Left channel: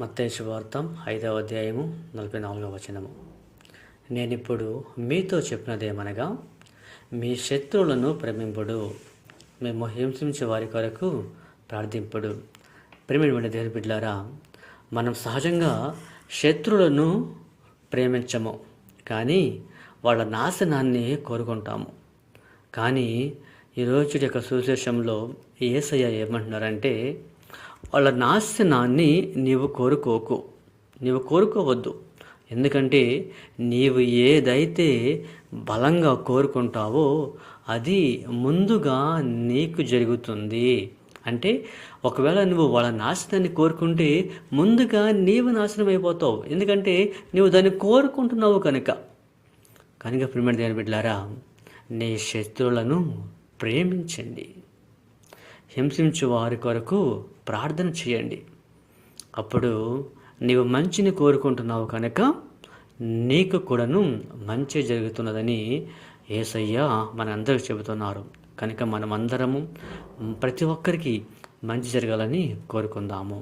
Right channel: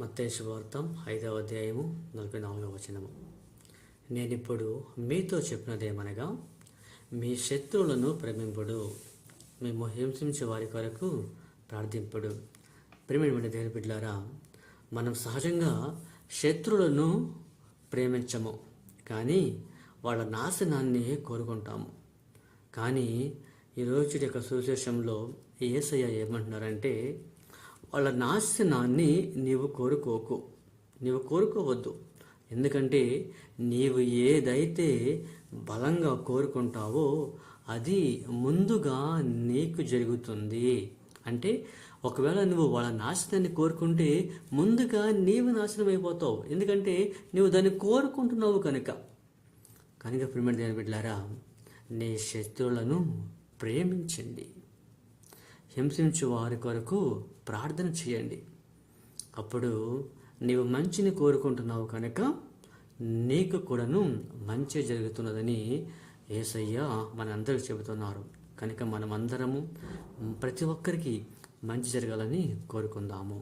మత్తయి సువార్త 5వ అధ్యాయము 44వ వచనము. నేనిప్పుడు మీతో చెప్పినదేమనగా, మీ శత్రువులను ప్రేమింపుడు, మేము హింసించే వారి కొరకు ప్రార్థింపుడు. ప్రేమించిన దేవుని బిడ్డలారా, మనం సహజంగా శత్రువులను ప్రేమించము, కానీ వాళ్ళ నాశనాన్ని కోరుకుంటాము. కానీ ఈరోజు యొక్క సువిశేషంలో యేసయ్య ఏమంటున్నారంటే, వాళ్ళ నాశనాన్ని నీవు కోరుకోవద్దు. ఎందుకంటే నీవు ఏదైతే బలంగా కోరుకుంటావో అది ముందుగా నీకు జరుగుతుంది. అంటే ఒకవేళ నువ్వు వాళ్ళ నాశనాన్ని కోరుకుంటే ముందుగా నీవు నాశనం అయిపోతావు. ఎందుకంటే నువ్వు దాన్ని కోరుకుంటున్నావు కనుక ప్రియమైన దేవుని బిడ్డలారా, నీ శత్రువులను ప్రేమించండి, హింసించు వారి కొరకు ప్రార్థన చేయండి. అప్పుడు నీవు మంచిని కోరుకుంటున్నావు కనుక నీకు కూడాను మంచి జరుగుతున్నదని యేసయ్య మనందరికి చెబుతున్నారు. కనుక మనమందరము ప్రతి ఒక్కరికి మంచి జరగాలని కోరుకుందాము.